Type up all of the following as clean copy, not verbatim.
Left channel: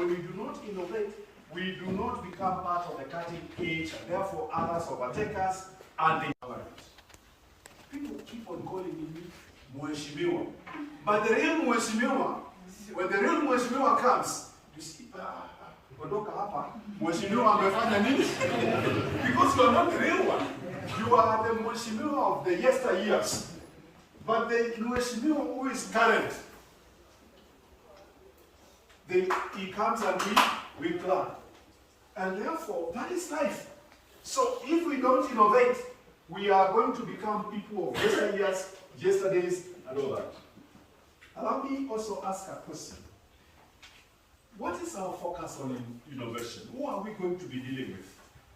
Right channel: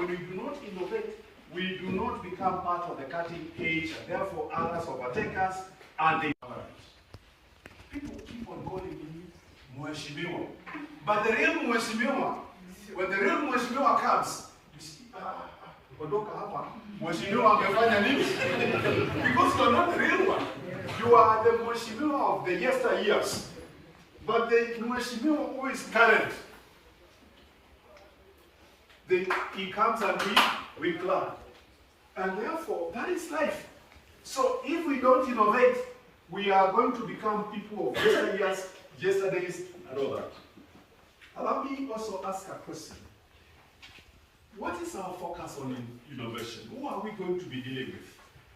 when we do not innovate, we do not become part of the cutting edge, and therefore others overtake us, and they people keep on calling me Mheshimiwa. But the real Mheshimiwa, when the real Mheshimiwa comes, you see, kuondoka hapa, Mheshimiwa amefanya nini? Because you are not the real one. You are the Mheshimiwa of the yesteryears. But the Mheshimiwa who is current, he comes and we clap. And therefore, that is life. So if we don't innovate, we are going to become people of yesteryears, yesterdays, and all that. Allow me also ask a question. What is our focus on innovation? Who are we going to be dealing with?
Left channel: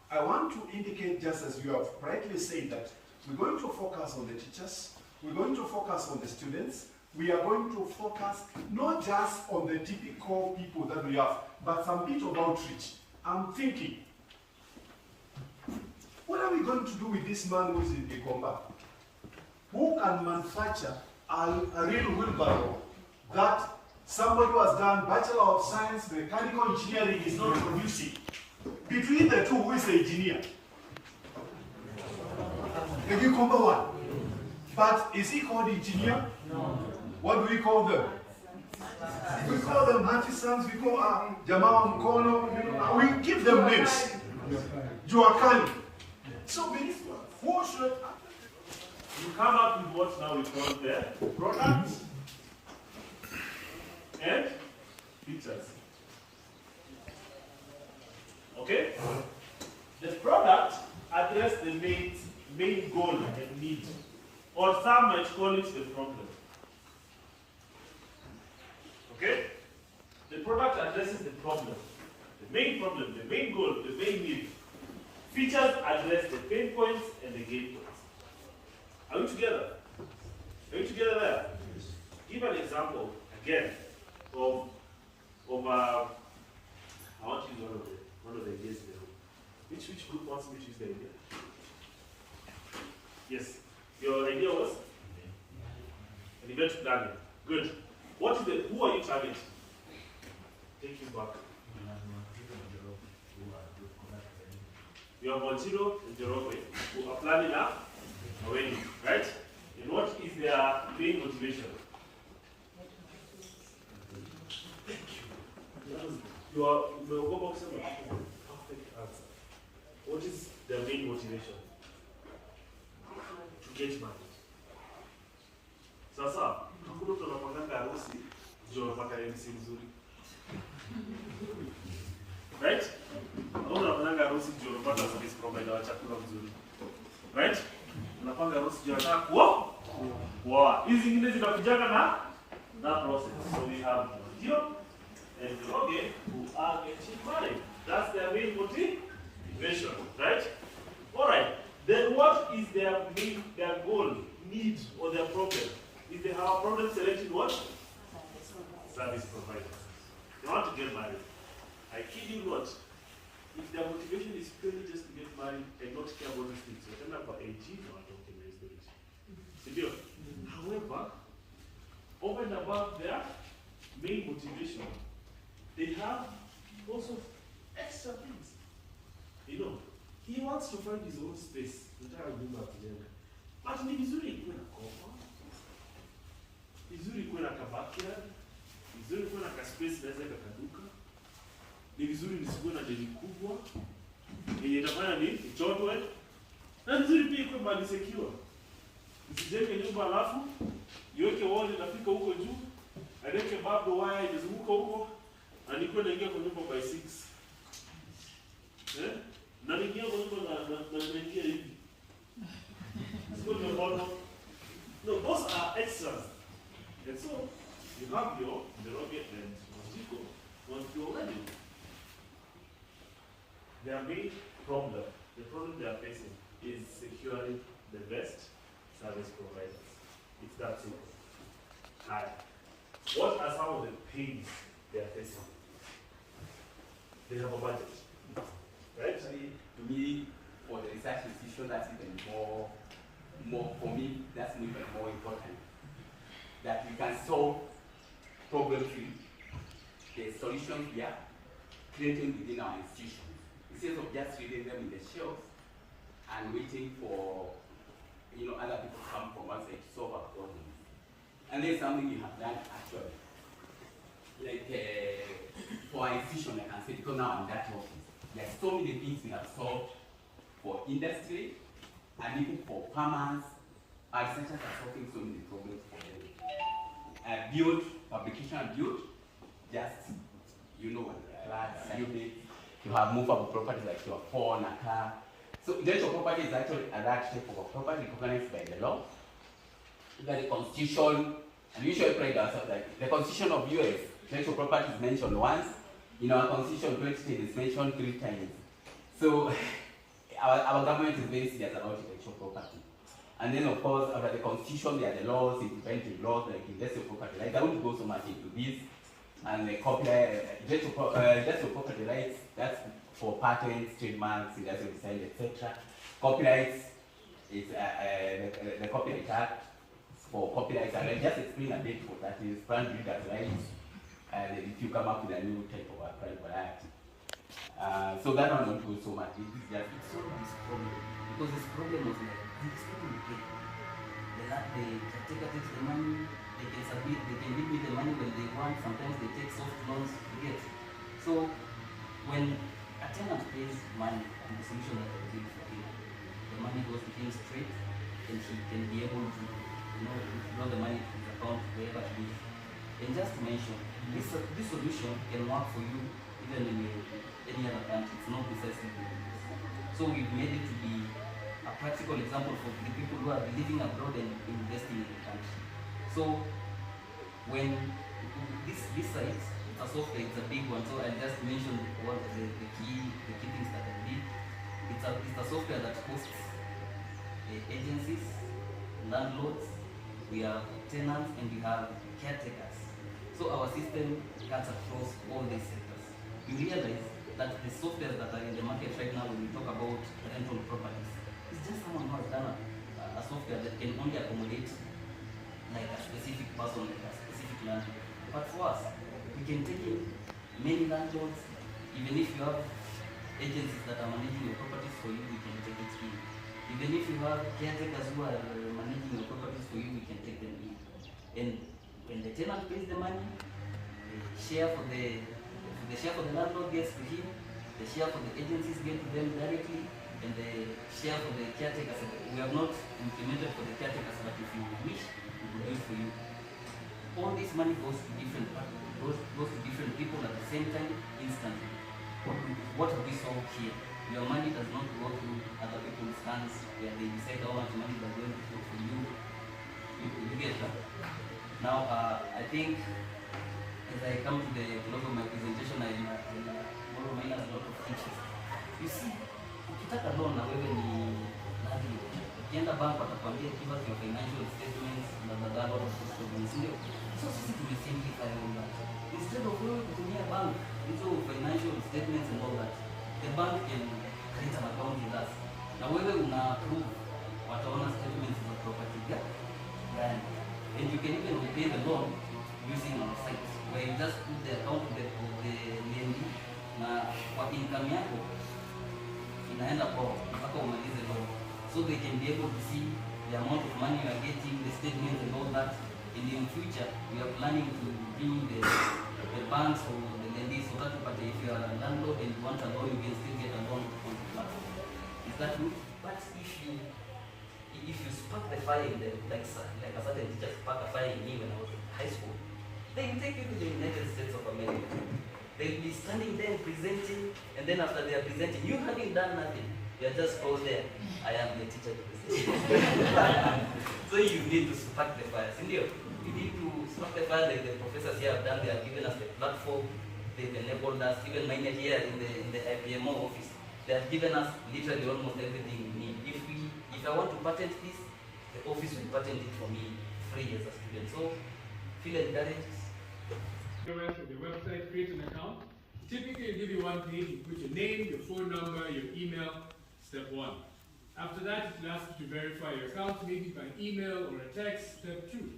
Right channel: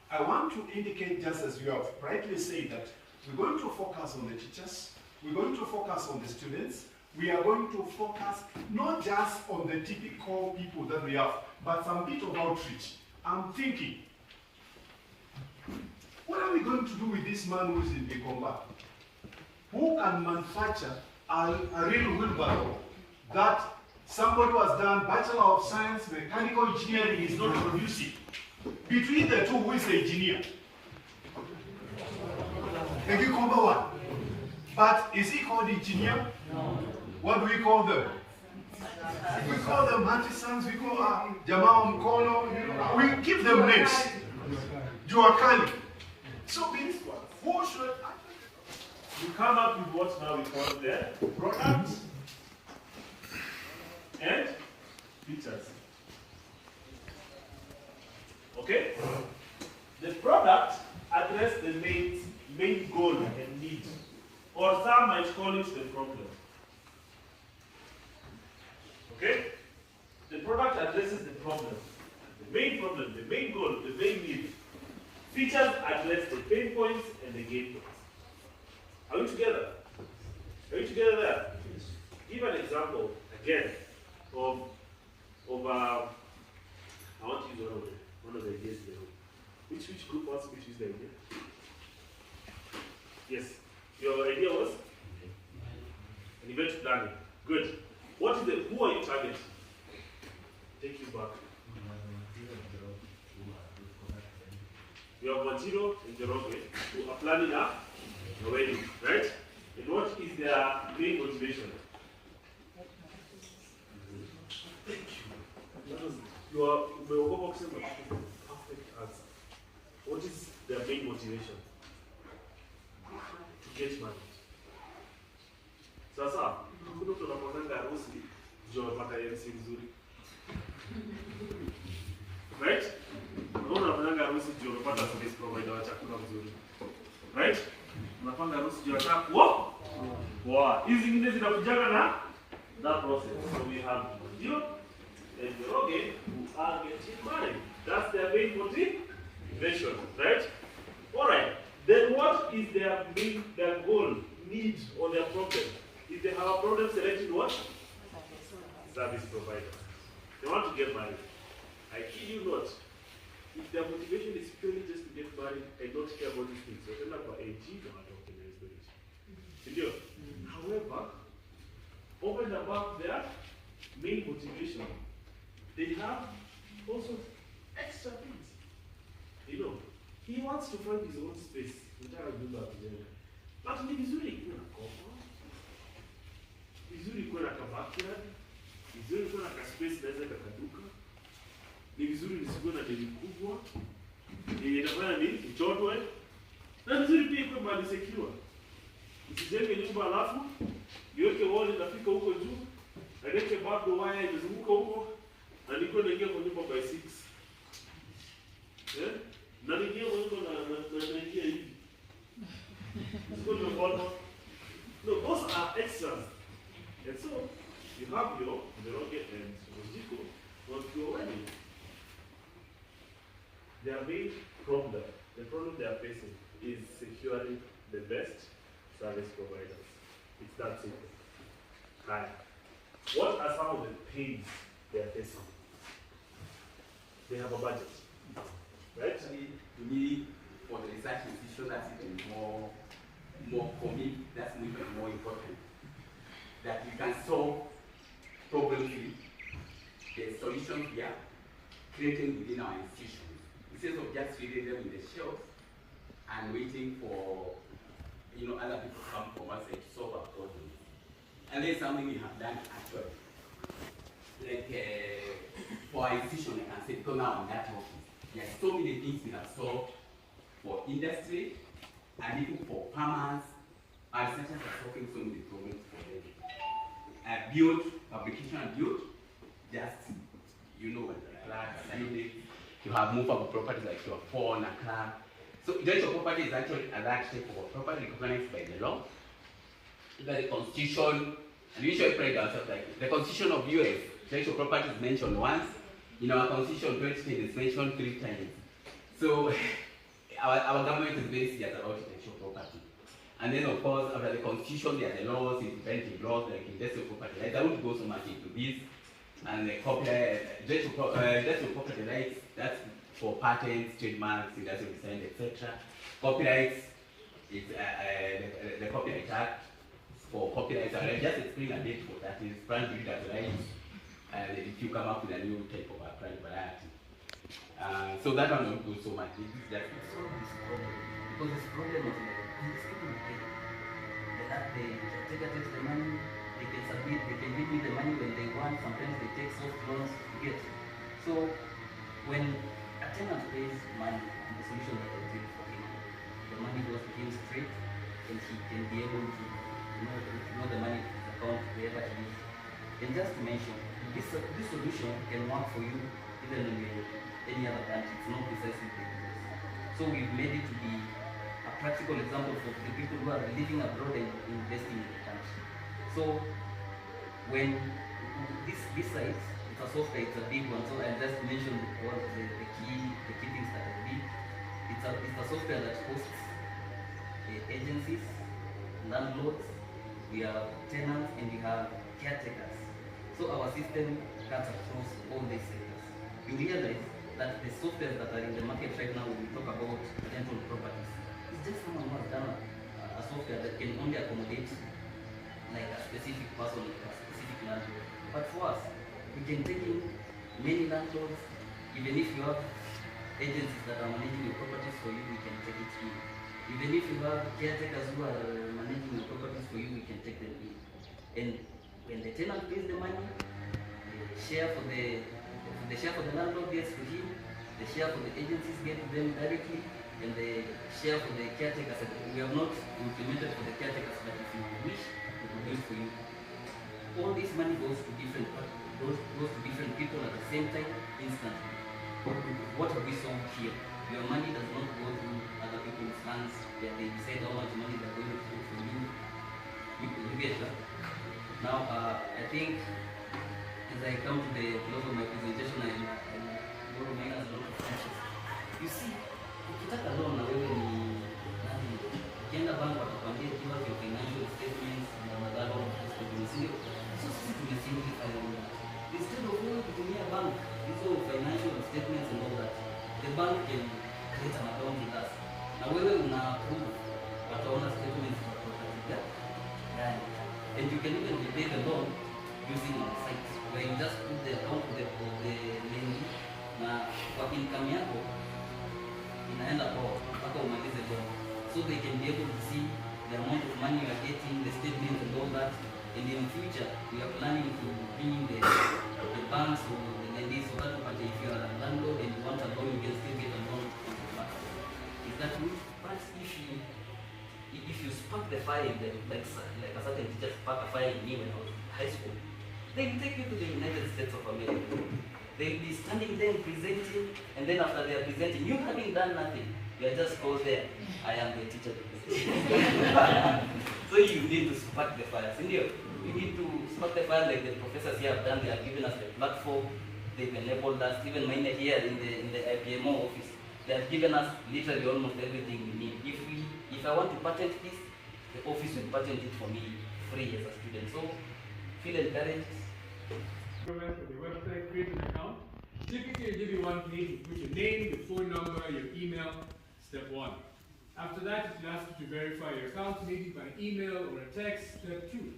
I want to indicate, just as you have rightly said, that we're going to focus on the teachers, we're going to focus on the students, we are going to focus not just on the typical people that we have, but some bit of outreach. I'm thinking, what are we going to do with this man who's in the combat? Who can manufacture a real wheelbarrow that somebody who has done Bachelor of Science, Mechanical Engineering is not producing? Between the two, who is the engineer? The cucumber one. But is he called engineer? No. What do we call them? We call them artisans, we call Jamaa Mkono, we give them names. Juakali. So who should you come up with what now we call the product and features. Okay? The product addresses the main goal and need, or some might call it the problem. Okay? The product addresses the problem, the main goal, the main need. Features address the pain points and the gain points. Are we together? Are we together there? Give an example again of I want to use one of the ideas there. Which group wants to choose the idea? Yes. Your idea was an event planning. Good. Who are you targeting? Take you back. You have Wanjiro and Njoroge who are planning a wedding, right? And what is their main motivation? What is their main motivation? To get married. Sasa, hakuna mtu anapanga harusi ndio anapata MC mzuri. Right? Hakuna anapanga harusi ndio anapata service provider wa chakula mzuri. Right? Unapanga harusi ndio anataka kuoa. Wow. Hizi zingine zinakujaga na that process. So we have Wanjiro and Njoroge who are getting married. That's their main motivation, right? All right. Then what is their goal, need, or their problem? If they have a problem selecting what? Service providers. They want to get married. I kid you not. If their motivation is purely just to get married and not care about these things, they're not about AG, they want to optimize the rich. However, over and above their main motivation, they have also extra things. He wants to find his own space. But ni vizuri kuwe na kofa, vizuri kuwe na kabackyard, vizuri kuwe na kaspace naweza kakaduka, ni vizuri nisikuwe na deni kubwa, yenye itafanya ni ichotwe, na vizuri pia ikuwe mahali secure. Usijenge nyumba alafu, niweke wall inafika huko juu, niweke barbed wire imezunguka huko, na nikuwe naingia kwa nyumba by 6. Na niingia kwa nyumba na naingia hivi. No, those are extras. And so, you have your Njoroge and Wanjiro on your wedding. Their main problem, the problem they are facing, is securing the best service providers. It's that simple. And what are some of the pains they are facing? They have a budget. Right? Actually, to me, for the research institution, that's even more for me, that's even more important. That you can solve problems with the solutions here, creating within our institutions, instead of just reading them in the shelves and waiting for other people to come from outside to solve our problems. And there's something we have done actually. Like for our institution, I can say, because now I'm in that office, there are so many things we have solved for industry and even for farmers. Our researchers are solving so many problems for them. Build, publication and build, just, you have movable property like your phone, a car. So intellectual property is actually a large type of property recognized by the law. By the Constitution, and we usually pride ourselves like the Constitution of US, intellectual property is mentioned once. In our Constitution, 2010 is mentioned 3 times. So our government is very serious about intellectual property. And then of course, under the Constitution, there are the laws, independent laws like industrial property rights. I won't go so much into this. And the copyright, industrial property rights, that's for patents, trademarks, industrial design, etc. Copyrights is the Copyright Act for copyrights. I'll just explain a bit what that is. Brand builders rights, and if you come up with a new type of applied variety. So that one won't go so much. This is just solve this problem, because this problem is like these people pay. They take the money, they can submit, they can give me the money when they want. Sometimes they take soft loans to get. So when a tenant pays money and the solution that they give for him, the money goes to him straight, and he can be able to withdraw the money to his account wherever he is. And just to mention, this solution can work for you even when you're in any other country. It's not precisely for you. So we've made it to be a practical example for the people who are living abroad and investing in the country. So when this site, it's a software, it's a big one. So I just mentioned one of the key things that I did. It's a software that hosts agencies, landlords, we have tenants, and we have caretakers. So our system cuts across all these sectors. You realize that the software that are in the market right now when we talk about rental properties, it's just someone who has done a software that can only accommodate like a specific person, like a specific landlord. But for us, we can take in many landlords. Even if you have agencies that are managing your properties for you, we can take it in. Even if you have caretakers who are managing your properties for you, we can take them in. And when the tenant pays the money, the share for the landlord gets to him, the share for the agencies get to them directly, and the share for the caretakers. We have not implemented for the caretakers, but if you wish, we will do it for you. All this money goes to different people at the same time, instantly. What have we solved here? Your money does not go to other people's hands where they decide how much money they're going to put for you. You get that? Now, I think as I come to the close of my presentation, I will remind us a lot of features. You see, ukitaka loan na wewe ni nani? Ukienda bank watakwambia give us your financial statements na a lot of statements. So sisi tumesimplify all that. Instead of going kutumia bank, hizo financial statements and all that, the bank can create an account with us. Na wewe una approve wataona statements za property gani. And you can even repay the loan using our site, where you just put the account of the name na kwa income yako inaenda kwa mpaka umalize loan. So they can be able to see the amount of money you are getting, the statements and all that. And in the future, we are planning to bring the banks or the lenders so that if you are a landlord and you want a loan, you can still get a loan from the bank. Is that good? But if you spark the fire in them, like a certain teacher sparked a fire in me when I was in high school, they will take you to the United States of America. They'll be standing there presenting, and then after they are presenting, you having done nothing, you are just called there. I am the teacher. So you need to spark the fire. You need to spark the fire like the professors here have done. They have given us the platform. They've enabled us. Even mine here in the IPMO office, they have given us literally almost everything we need. If I want to patent this, the office will patent it for me free as a student. So feel encouraged. The website, create an account. Typically, they give you one page, you put your name, your phone number, your email, step 1. After that, it will ask you to verify your account, maybe by email or a text, step 2.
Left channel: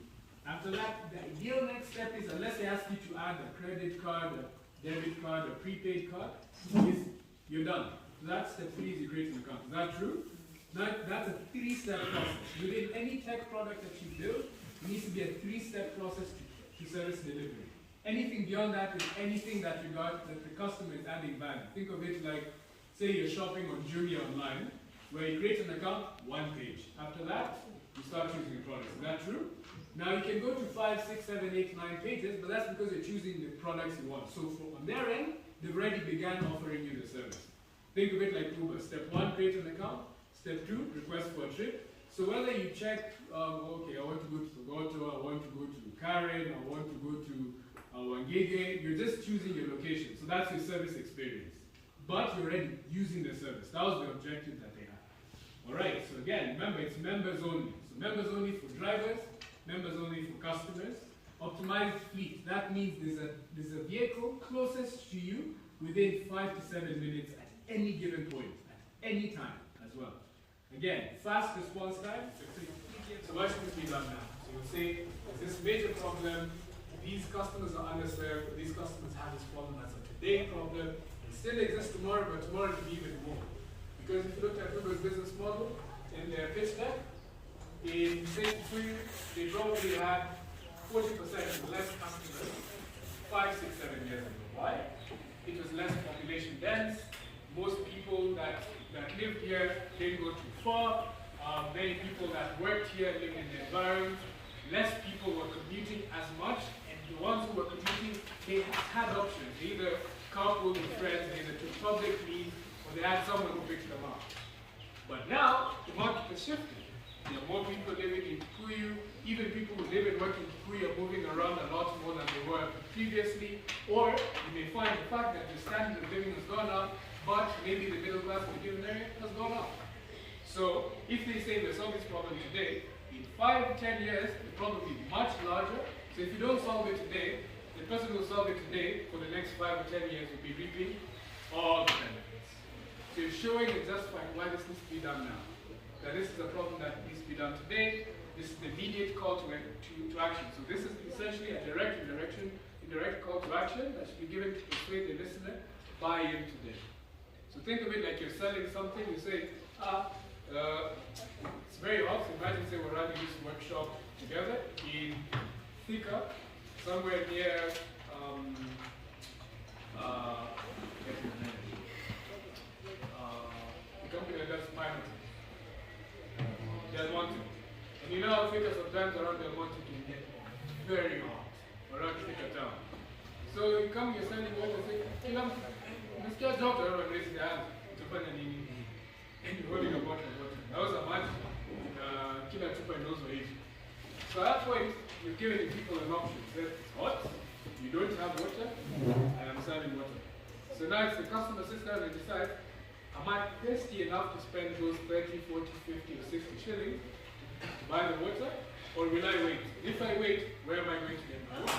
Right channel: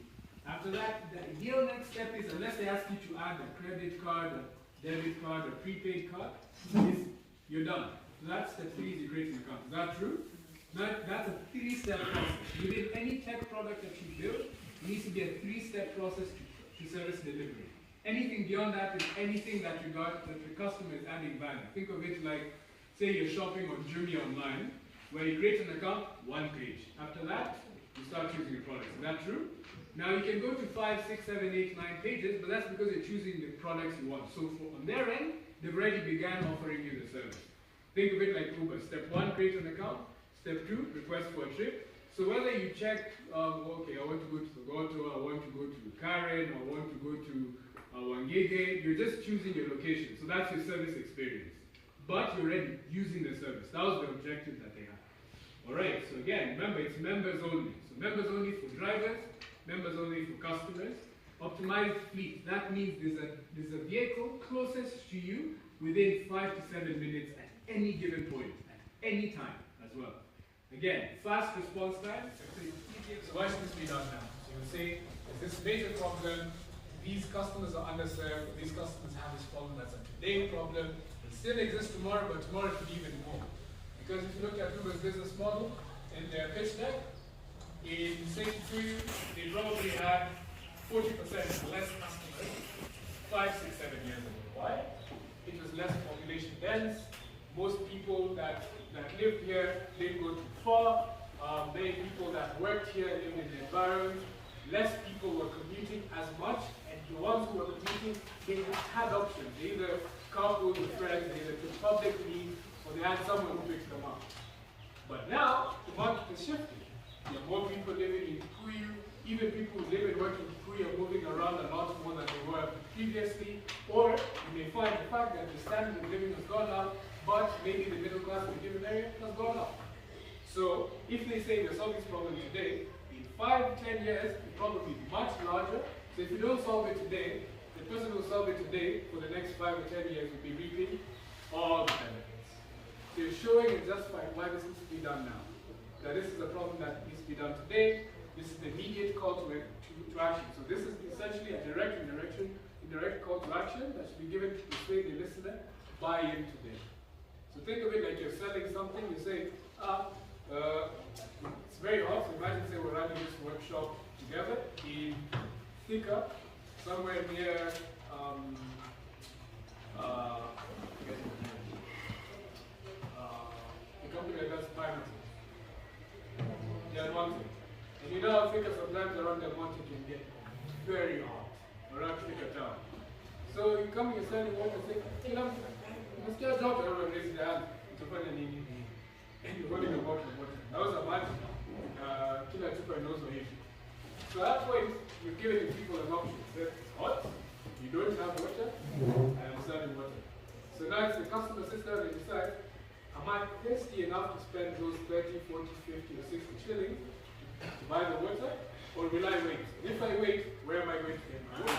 After that, the ideal next step is, unless they ask you to add a credit card, a debit card, a prepaid card, you're done. So that's step 3 is you create an account. Is that true? That's a 3-step process. Within any tech product that you build, it needs to be a 3-step process to service delivery. Anything beyond that is anything that the customer is adding value. Think of it like, say you're shopping on Jumia online, where you create an account, 1 page. After that, you start choosing your products. Is that true? Now you can go to 5, 6, 7, 8, 9 pages, but that's because you're choosing the products you want. So on their end, they've already began offering you the service. Think of it like Uber. Step 1, create an account. Step 2, request for a trip. So whether you check, okay, I want to go to Togoto, I want to go to Karen, I want to go to Wangege, you're just choosing your location. So that's your service experience. But you're already using the service. That was the objective that they had. Alright, so again, remember it's members only. So members only for drivers, members only for customers. Optimized fleet, that means there's a vehicle closest to you within 5 to 7 minutes at any given point, at any time as well. Again, fast response time. So why should this be done now? So we'll say, there's this major problem, these customers are underserved, these customers have this problem that's a today problem, it still exists tomorrow, but tomorrow it could be even more. Because if you look at Uber's business model in their pitch deck, in say Kikuyu, they probably have 40% less customers 5, 6, 7 years ago. Why? It was less population dense. Most people that lived here didn't go too far. Many people that worked here lived in the environment. Less people were commuting as much, and the ones who were commuting, they had options. They either carpooled with friends, they either took public leave, or they had someone who picked them up. But now, the market has shifted. There are more people living in Kikuyu. Even people who live and work in Kikuyu are moving around a lot more than they were previously. Or you may find the fact that the standard of living has gone up, but maybe the middle class in a given area has gone up. So if they say we solve this problem today, in 5, 10 years, the problem will be much larger. So if you don't solve it today, the person who will solve it today for the next 5 or 10 years will be reaping all the benefits. So you're showing and justifying why this needs to be done now. That this is a problem that needs to be done today. This is the immediate call to action. So this is essentially a indirect call to action that should be given to persuade the listener to buy into this. So think of it like you're selling something. You say, it's very hot. So imagine, say, we're running this workshop together in Thika, somewhere near the company that does pineapple. Del Monte. And you know how Thika sometimes around Del Monte can get very hot around Thika town. So you come, you're selling water, say, hey, this guy's not around raising the hand. It's a funny name. And you're holding a bottle of water. That was a match. Kila chupa knows what it is. So at that point, you've given the people an option. Say, it's hot, you don't have water, and I'm selling water. So now it's the customer sits down and decides, am I thirsty enough to spend those 30, 40, 50, or 60 shillings to buy the water? Or will I wait? If I wait, where am I going to get my water?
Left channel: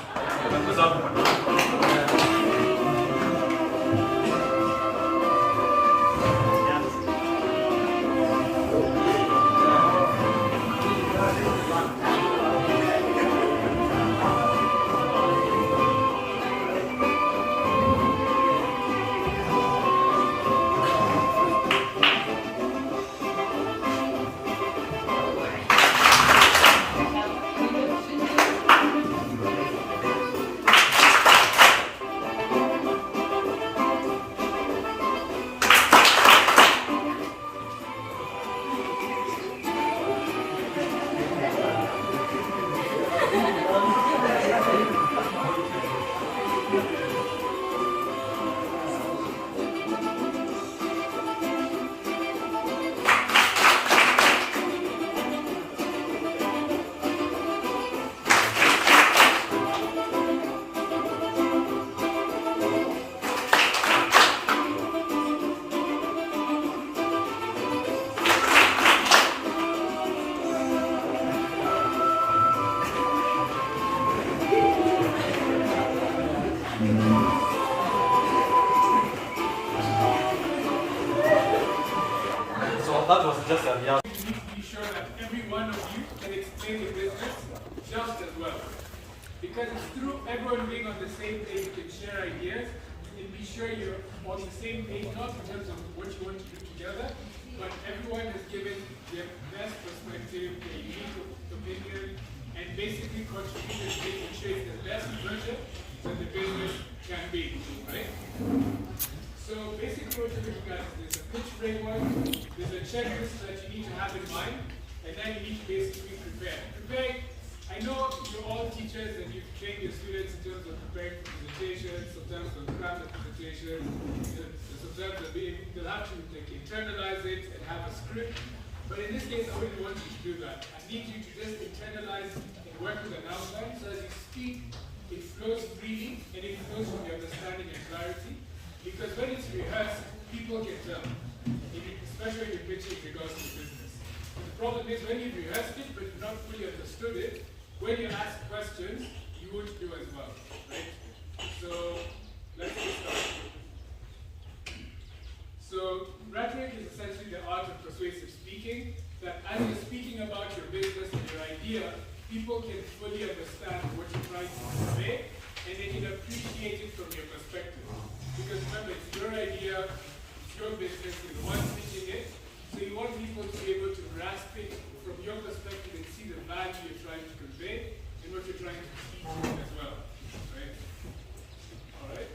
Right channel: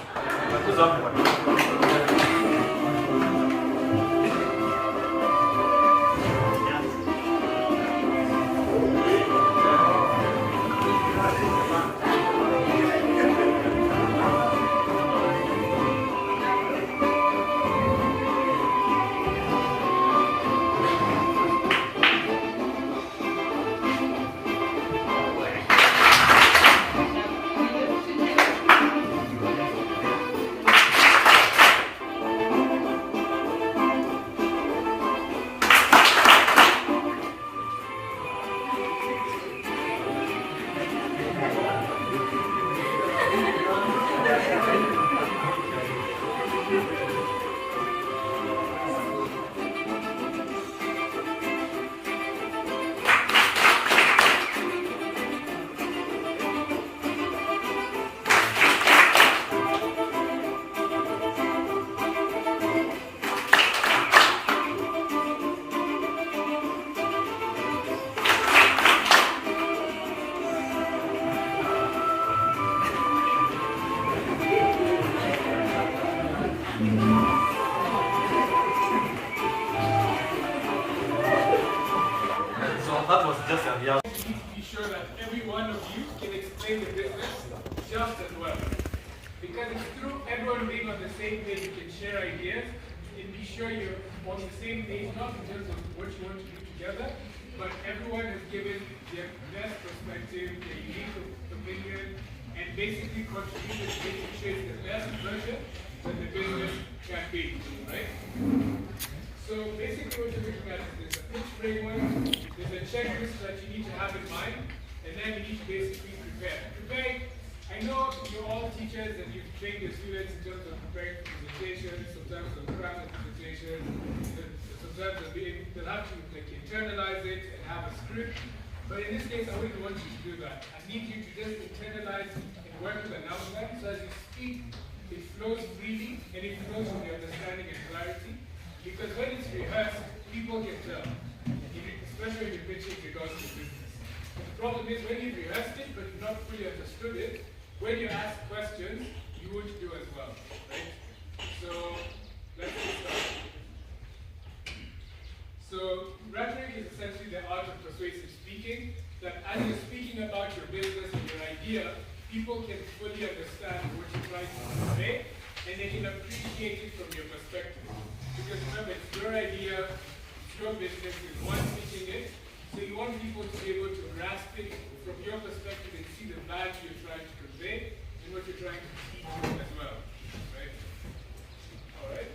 That was just a real. You need to be sure that every one of you can explain the business just as well. Because it's through everyone being on the same page, you can share ideas and be sure you're on the same page, not in terms of what you want to do together, but everyone has given their best perspective, their unique opinion, and basically contributed to making sure it's the best version that the business can be, right? So basically what you're looking at is there's a pitch framework, there's a checklist that you need to have in mind, and then you need to basically prepare. I know you're all teachers and you've trained your students in terms of preparing for presentations, sometimes they'll craft the presentation, sometimes they'll have to internalize it and have a script. But in this case, I really want you to do that. I need you to just internalize and work with an outline, so as you speak, it flows freely and it flows from your understanding and clarity. Because when it's rehearsed, people can tell, especially if you're pitching regards to business. And the problem is when you've rehearsed it but you've not fully understood it, when you ask questions, you won't do as well, right? So let's get started. So rhetoric is essentially the art of persuasive speaking, that as you're speaking about your business and your idea, people can fully understand what you're trying to convey, and they can appreciate it from your perspective. Because remember, it's your idea, it's your business, you're the one speaking it, so you want people to be able to grasp it from your perspective and see the value you're trying to convey and what you're trying to teach as well, right? All right?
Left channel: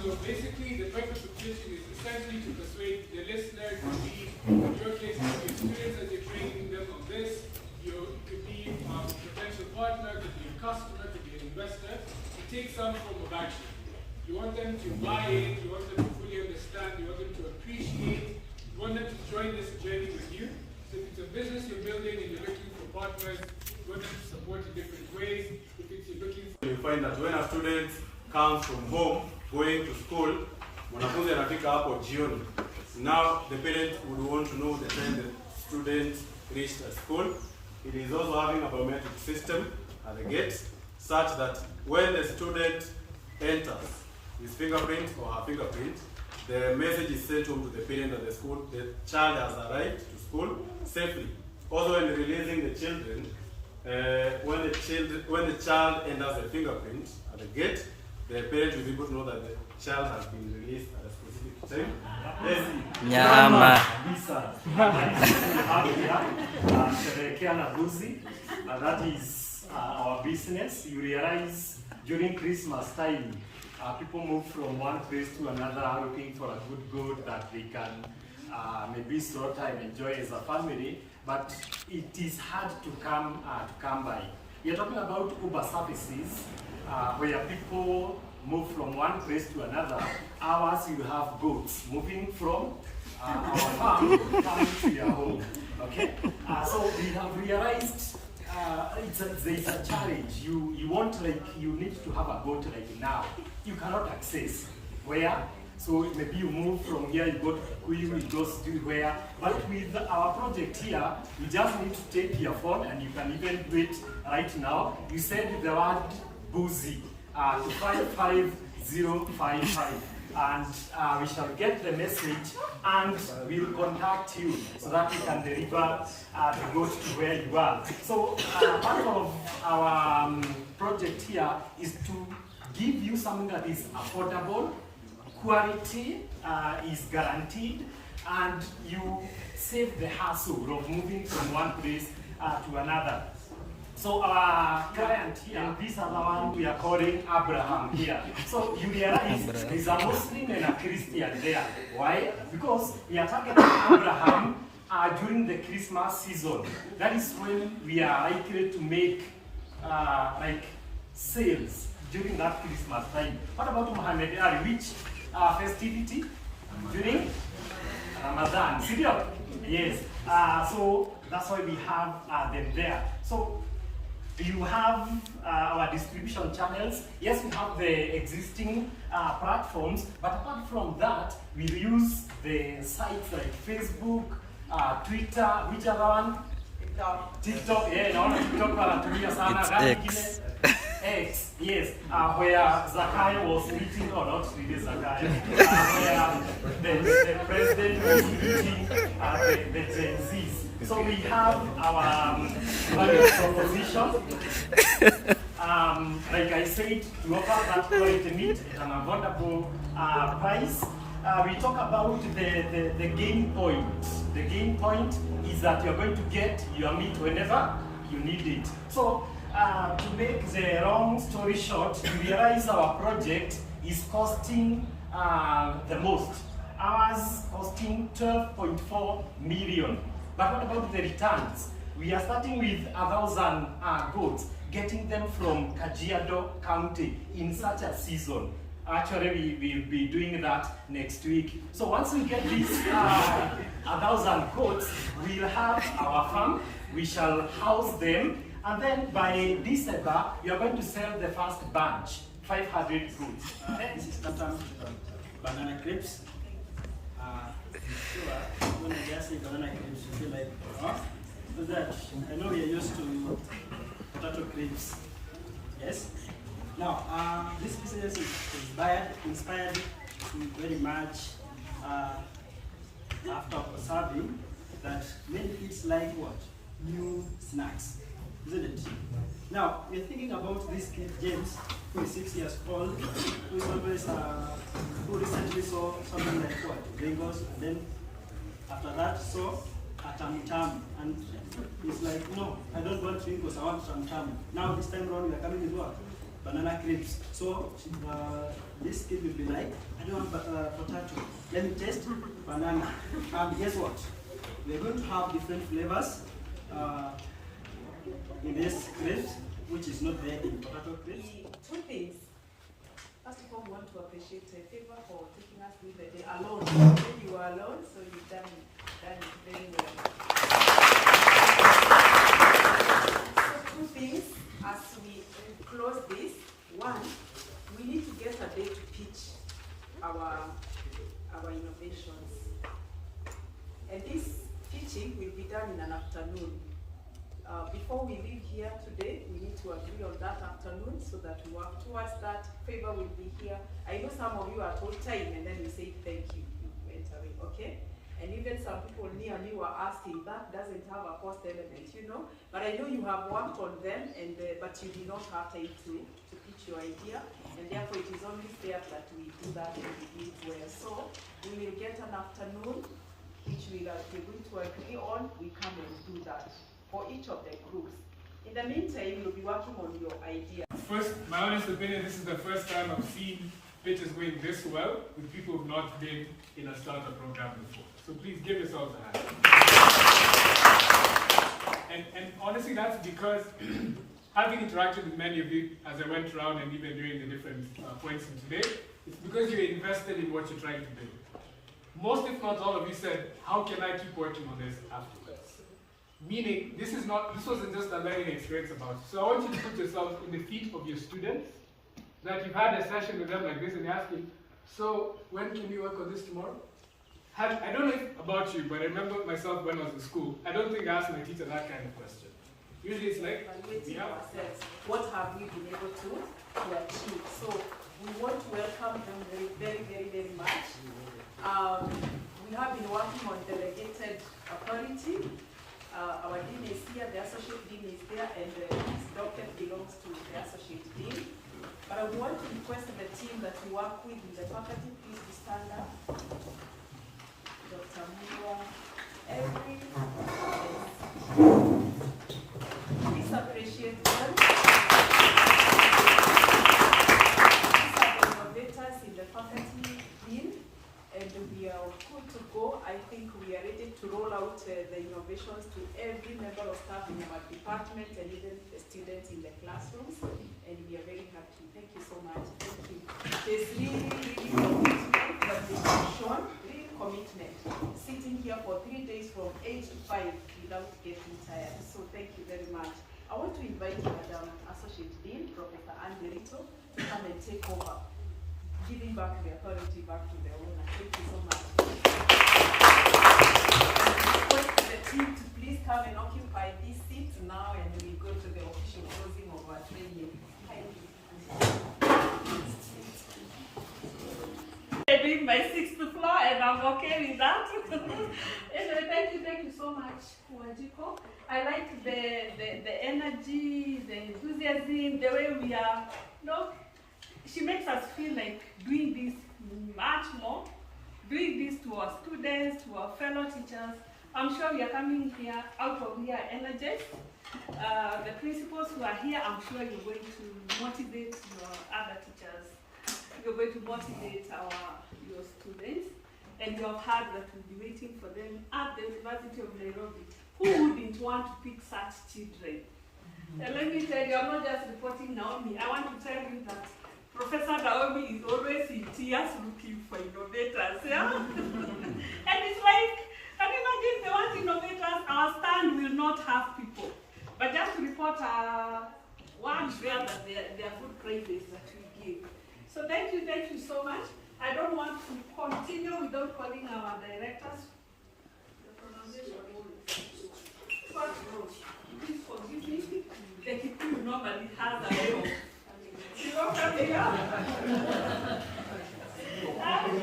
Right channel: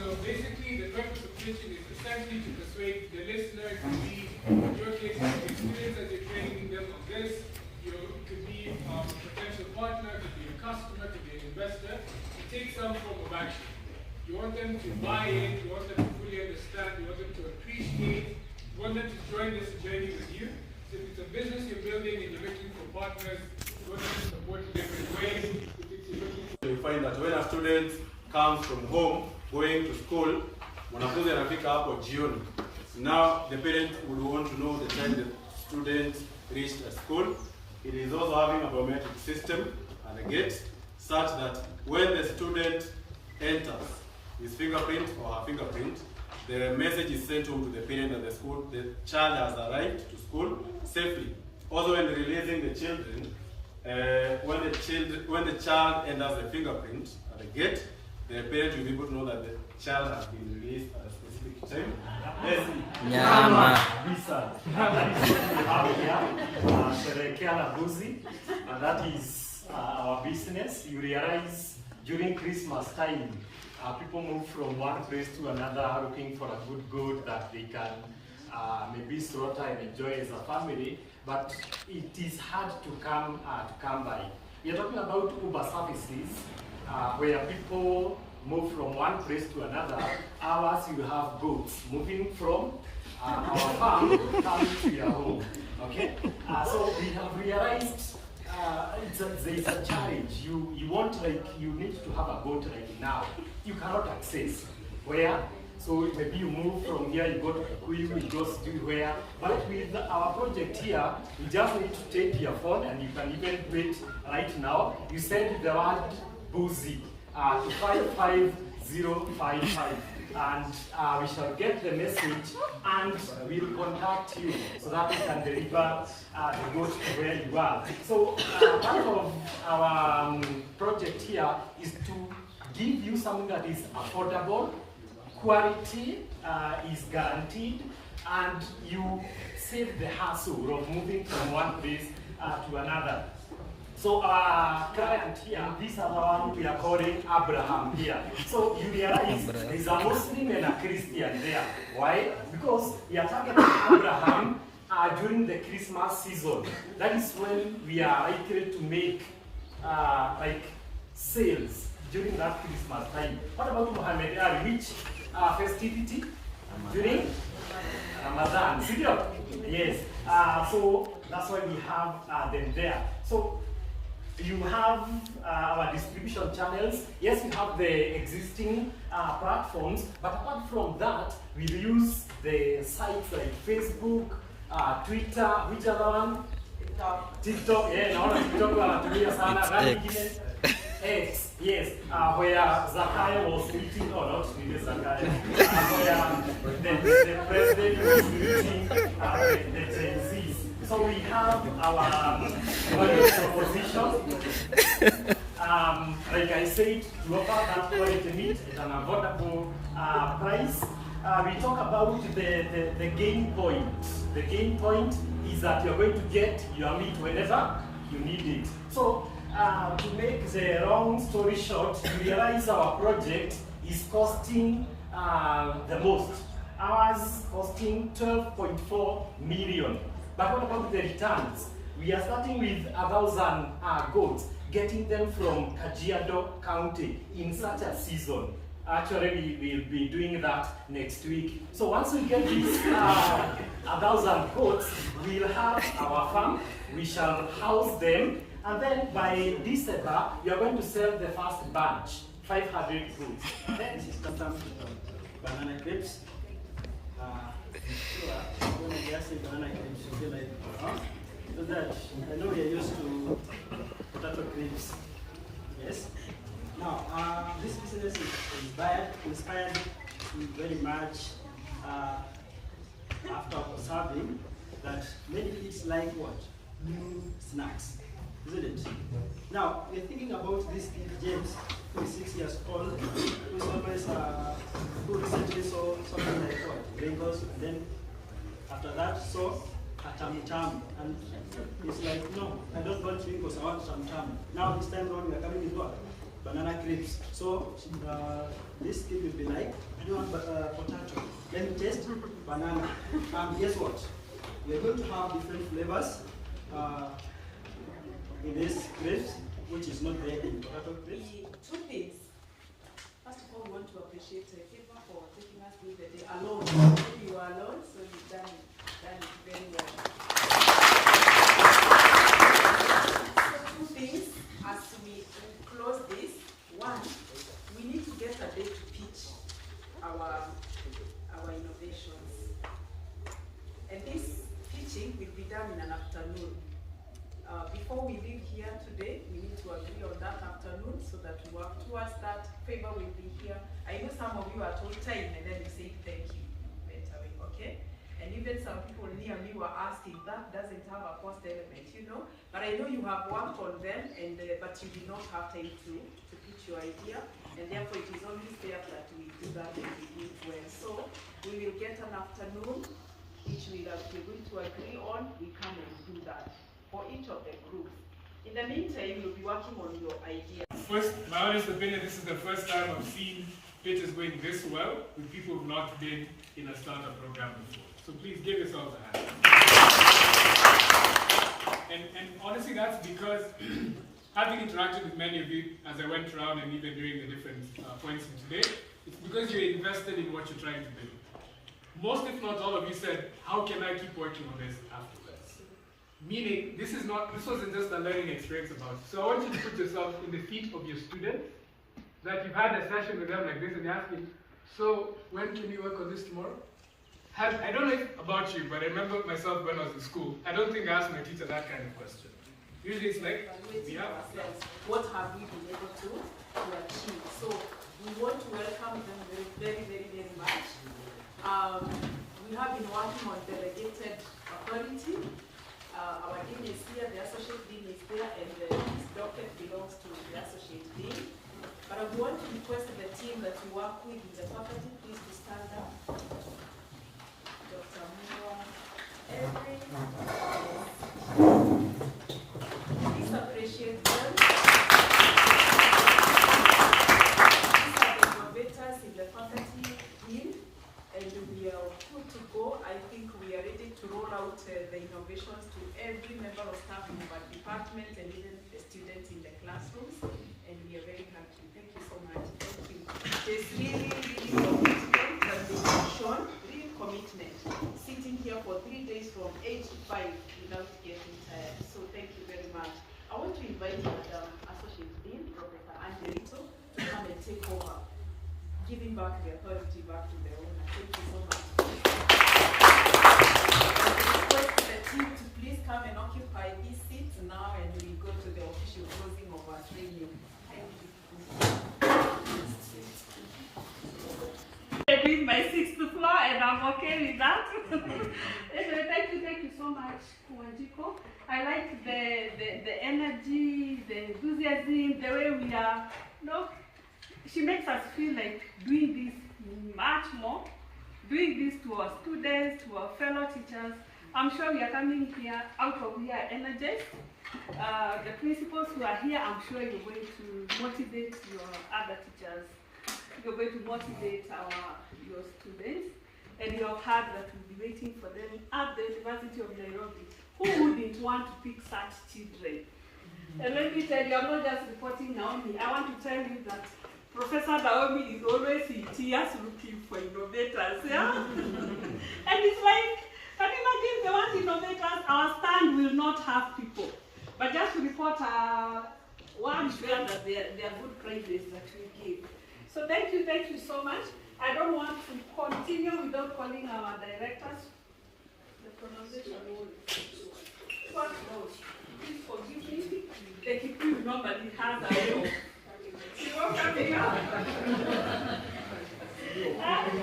So basically, the purpose of pitching is essentially to persuade the listener to be, in your case, your students as you're training them on this, it could be a potential partner, it could be a customer, it could be an investor, to take some form of action. You want them to buy in, you want them to fully understand, you want them to appreciate, you want them to join this journey with you. So if it's a business you're building and you're looking for partners, you want them to support in different ways. If it's you're looking for... You find that when a student comes from home, going to school, mwanafunzi anafika hapo jioni. Now the parent would want to know the time the student reached at school. It is also having a biometric system at the gate, such that when the student enters his fingerprint or her fingerprint, the message is sent home to the parent at the school. The child has arrived to school safely. Also, when releasing the children, when the child enters the fingerprint at the gate, the parent will be able to know that the child has been released at a specific time. Nyama. Sherekea na Buzi, and that is our business. You realize during Christmas time, people move from one place to another looking for a good that they can maybe slaughter and enjoy as a family, but it is hard to come by. We are talking about Uber services, where people move from one place to another. Ours, you have boats moving from our farm to come to your home. Okay, so we have realized it's a challenge. You want, like, you need to have a boat like now. You cannot access where. So maybe you move from here, you go to Kikuyu, you go to where. But with our project here, you just need to take your phone and you can even do it right now. You send the word Buzi to 55055 and we shall get the message and we'll contact you so that we can deliver the goods to where you are. So part of our project here is to give you something that is affordable, quality is guaranteed, and you save the hassle of moving from one place to another. So our client here, and this other one we are calling Abraham here. So you realize there's a Muslim and a Christian there. Why? Because we are targeting Abraham during the Christmas season. That is when we are likely to make like sales during that Christmas time. What about Muhammad Ali? Which festivity? During Ramadan. Yes. So that's why we have them there. So you have our distribution channels. Yes, we have the existing platforms, but apart from that, we use the sites like Facebook, Twitter, which other one? TikTok. Yeah, naona TikTok wanatumia sana. X. X, yes, where Zakayo was meeting, or not really Zakayo, where the president was meeting the Gen Zs. So we have our value proposition, like I said, we offer that quality meat at an affordable price. We talk about the gain point. The gain point is that you're going to get your meat whenever you need it. So, to make the long story short, we realize our project is costing the most. Ours costing 12.4 million. But what about the returns? We are starting with 1,000 goats, getting them from Kajiado County in such a season. Actually, we will be doing that next week. So once we get these 1,000 goats, we'll have our farm, we shall house them, and then by December, we are going to sell the first batch, 500 goats. This is sometimes banana crepes. Sure, when I just say banana crepes, you feel like, but that, I know we are used to potato crepes. Yes? Now, this business is inspired very much after observing that many kids like what? New snacks, isn't it? Now, we're thinking about this kid, James, who is 6 years old, who is always, who recently saw something like what? Bengals, and then after that saw a tam-tam, and he's like, no, I don't want Bengals, I want tam-tam. Now this time around we're coming with what? Banana clips. So this kid will be like, I don't want potato. Let me taste banana. And guess what? We're going to have different flavors in this crepes, which is not there in potato crepes. Two things. First of all, we want to appreciate a favor for taking us through the day alone. You were alone, so you've done it very well. So two things as we close this. One, we need to get a day to pitch our innovations. And this pitching will be done in an afternoon. Before we leave here today, we need to agree on that afternoon so that we work towards that. Favor will be here. I know some of you are told time and then you say thank you, went away, okay? And even some people near me were asking, that doesn't have a cost element, you know? But I know you have worked on them, and but you did not have time to pitch your idea, and therefore it is only fair that we do that and we do it well. So we will get an afternoon, which we are going to agree on. We come and do that for each of the groups. In the meantime, you'll be working on your idea. First, my honest opinion, this is the first time I've seen pitches going this well with people who've not been in a startup program before. So please give yourselves a hand. And honestly, that's because having interacted with many of you as I went around and even during the different points in today, it's because you're invested in what you're trying to do. Most, if not all of you said, how can I keep working on this afterwards? Meaning, this wasn't just a learning experience about it. So I want you to put yourself in the feet of your students, that you've had a session with them like this and you're asking, so when can you work on this tomorrow? I don't know about you, but I remember myself when I was in school, I don't think I asked my teacher that kind of question. Usually it's like, what have we been able to achieve? So we want to welcome them very, very, very, very much. We have been working on delegated authority. Our dean is here, the associate dean is there, and this docket belongs to the associate dean. But I would want to request the team that you work with in the faculty, please to stand up. Dr. Moore, Every. Please appreciate them. These are the innovators in the faculty team, and we are good to go. I think we are ready to roll out the innovations to every member of staff in our department and even the students in the classrooms, and we are very happy. Thank you so much. Thank you. There's really commitment that we have shown, real commitment. Sitting here for 3 days from 8 to 5 without getting tired. So thank you very much. I want to invite Madam Associate Dean, Professor Andy Rito, to come and take over, giving back the authority back to the owner. Thank you so much. The team to please come and occupy these seats now, and we go to the official closing of our training. I'm in my 6th floor, and I'm okay with that. Anyway, thank you so much, Kuwajiko. I like the energy, the enthusiasm, with the way we are, she makes us feel like doing this much more, doing this to our students, to our fellow teachers. I'm sure we are coming here, out of here energized. The principals who are here, I'm sure you're going to motivate your other teachers. You're going to motivate your students. And you have heard that we'll be waiting for them at the University of Nairobi. Who wouldn't want to pick such children? And let me tell you, I'm not just reporting Naomi. I want to tell you that Professor Naomi is always in tears looking for innovators. Yeah? And it's like, can you imagine they want innovators? Our stand will not have people. But just to report one share that they are good prizes that we give. So thank you so much. I don't want to continue without calling our directors. The pronunciation what knows? Please forgive me. The Kikuyu normally has a way of. She won't come here. Has a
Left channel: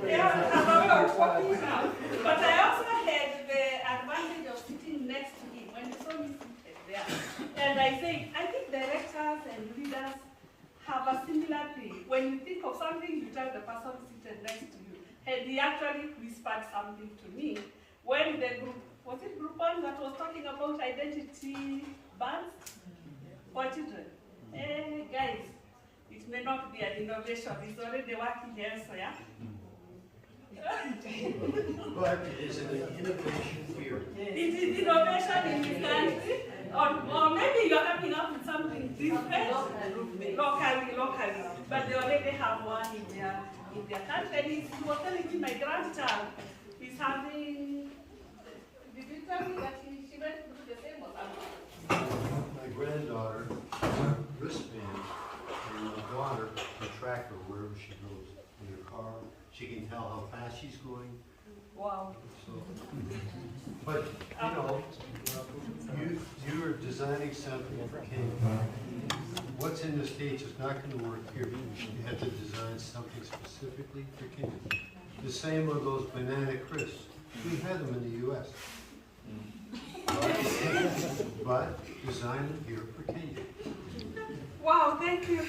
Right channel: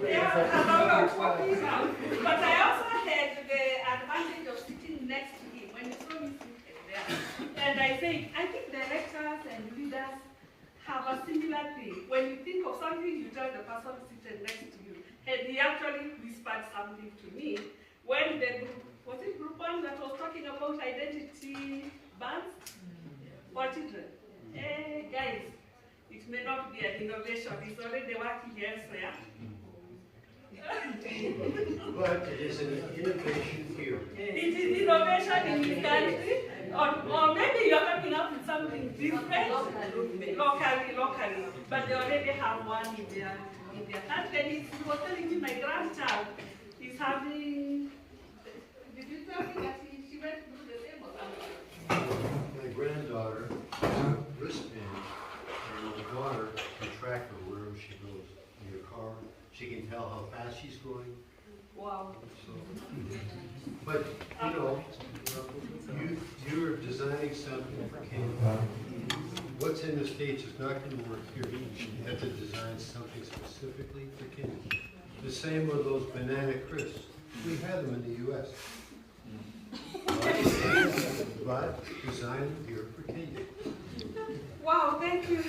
way of talking out. But I also had the advantage of sitting next to him when he saw me sitting there. And I think directors and leaders have a similar thing. When you think of something, you tell the person sitting next to you. And he actually whispered something to me when the group, was it group 1 that was talking about identity bands for children? Hey guys, it may not be an innovation, it's already working elsewhere. But it is an innovation here. It is innovation in reality, or maybe you're coming up with something different locally, but they already have one in their country. And he was telling me, my grandchild is having, did you tell me that she went through the same or something? My granddaughter has a wristband, and my daughter can track her wherever she goes in her car. She can tell how fast she's going. Wow. So, but, you are designing something for Kenya. What's in the States is not going to work here. You have to design something specifically for Kenya. The same with those banana crisps. We have them in the U.S. But design them here for Kenya. Wow, thank you.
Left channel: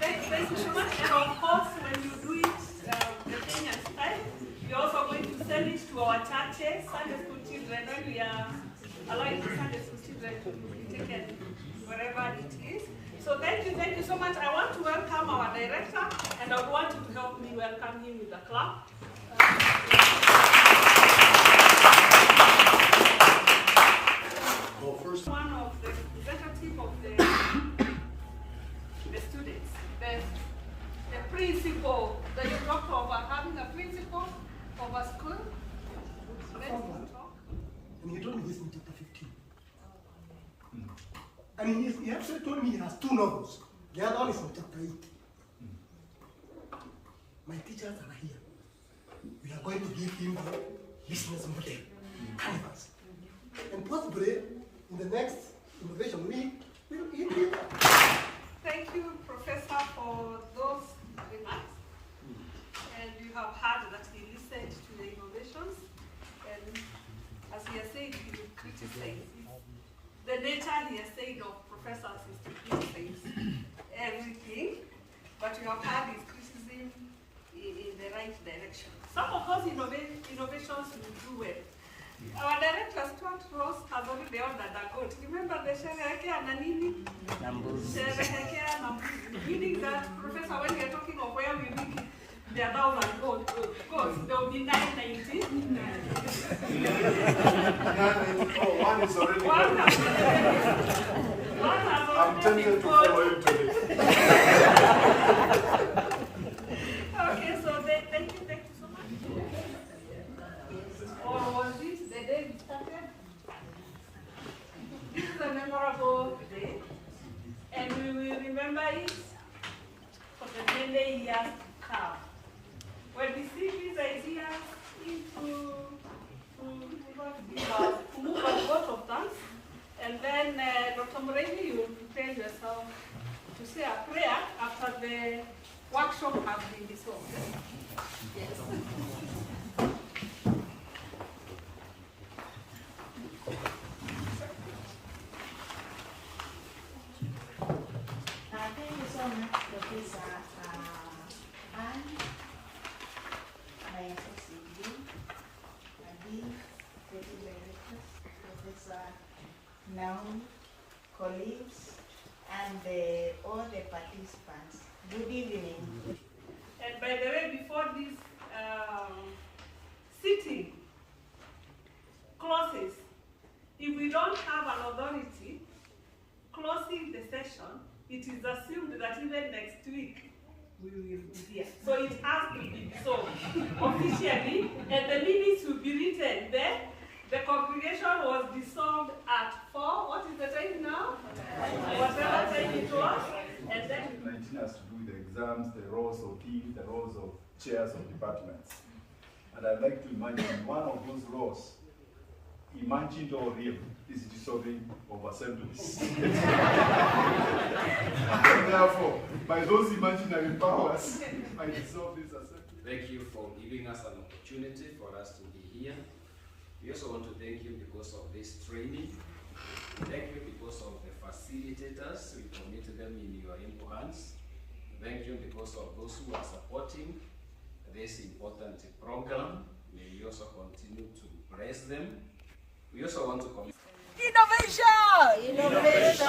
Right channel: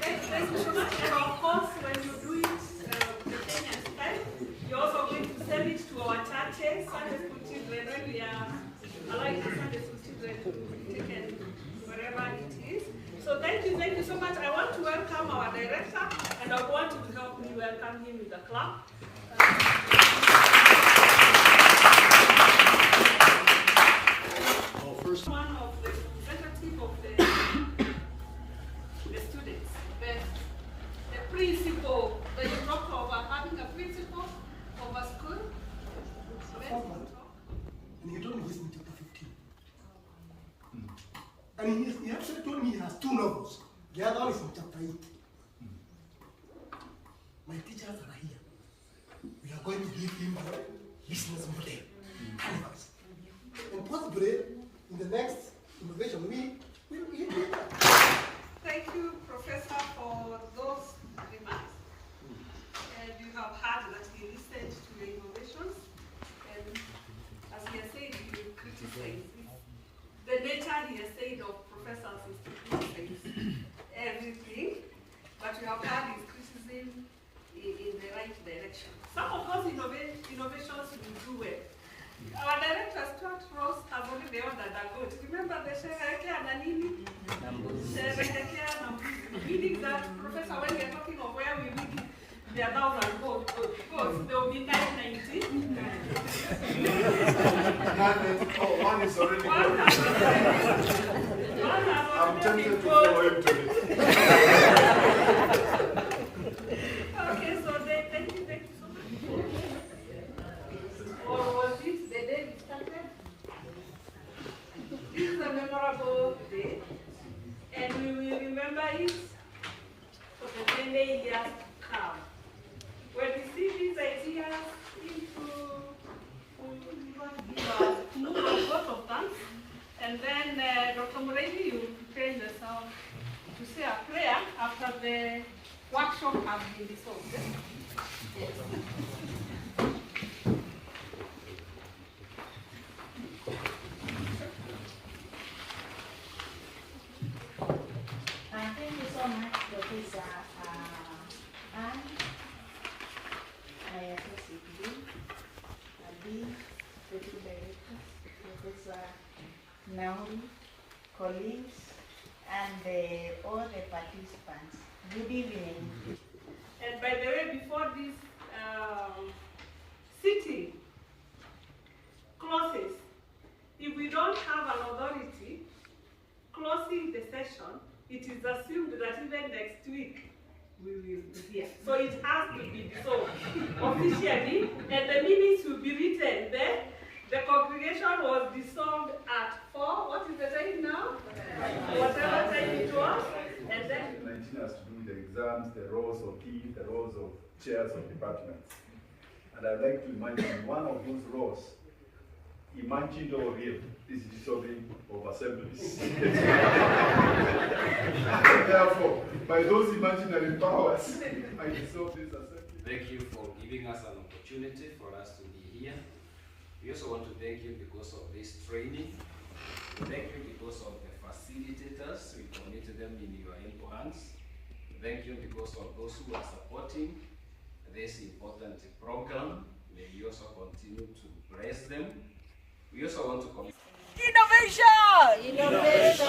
Thank you so much. And of course, when you do it the Kenyan style, you're also going to send it to our churches, Sunday school children, when we are allowing the Sunday school children to be taken wherever it is. So thank you so much. I want to welcome our director, and I want you to help me welcome him with a clap. One of the representatives of the students, the principal, that you talk about having a principal of a school. And he told me he's in chapter 15. And he actually told me he has 2 novels. The other one is in chapter 8. My teachers are here. We are going to give him the business model, canvas. And possibly, in the next innovation week, we will eat it. Thank you, Professor, for those remarks. And you have heard that he listened to the innovations. And as he has said, he will criticize. The nature, he has said, of professors is to criticize everything. But you have heard his criticism in the right direction. Some of those innovations will do well. Our director, Stuart Ross, has already ordered a goat. Remember the Sherehekea na nini? Sherehekea na mbuzi. Meaning that, Professor, when we are talking of where we will the 1,000 goats, there will be 990. One is already One has I'm tempted to follow him to this. Okay, so thank you so much. Or was this the day we started? This is a memorable day, and we will remember it for the many years to come. When we see these ideas to move on both of them, and then Dr. Muregi, you will prepare yourself to say a prayer after the workshop has been dissolved. Yes. Naomi, colleagues, and all the participants. Good evening. And by the way, before this sitting closes, if we don't have an authority closing the session, it is assumed that even next week we will be here. So it has to be so officially, and the minutes will be written there. The congregation was dissolved at 4. What is the time now? Whatever time it was. And then 19 has to do with the exams, the roles of deans, the roles of chairs of departments. And I'd like to imagine one of those roles, imagined or real, is dissolving of assemblies. And therefore, by those imaginary powers, I dissolve this assembly. Thank you for giving us an opportunity for us to be here. We also want to thank you because of this training. Thank you because of the facilitators. We commit them in your able hands. Thank you because of those who are supporting this important program. May we also continue to bless them. We also want to commit. Innovation! Innovation!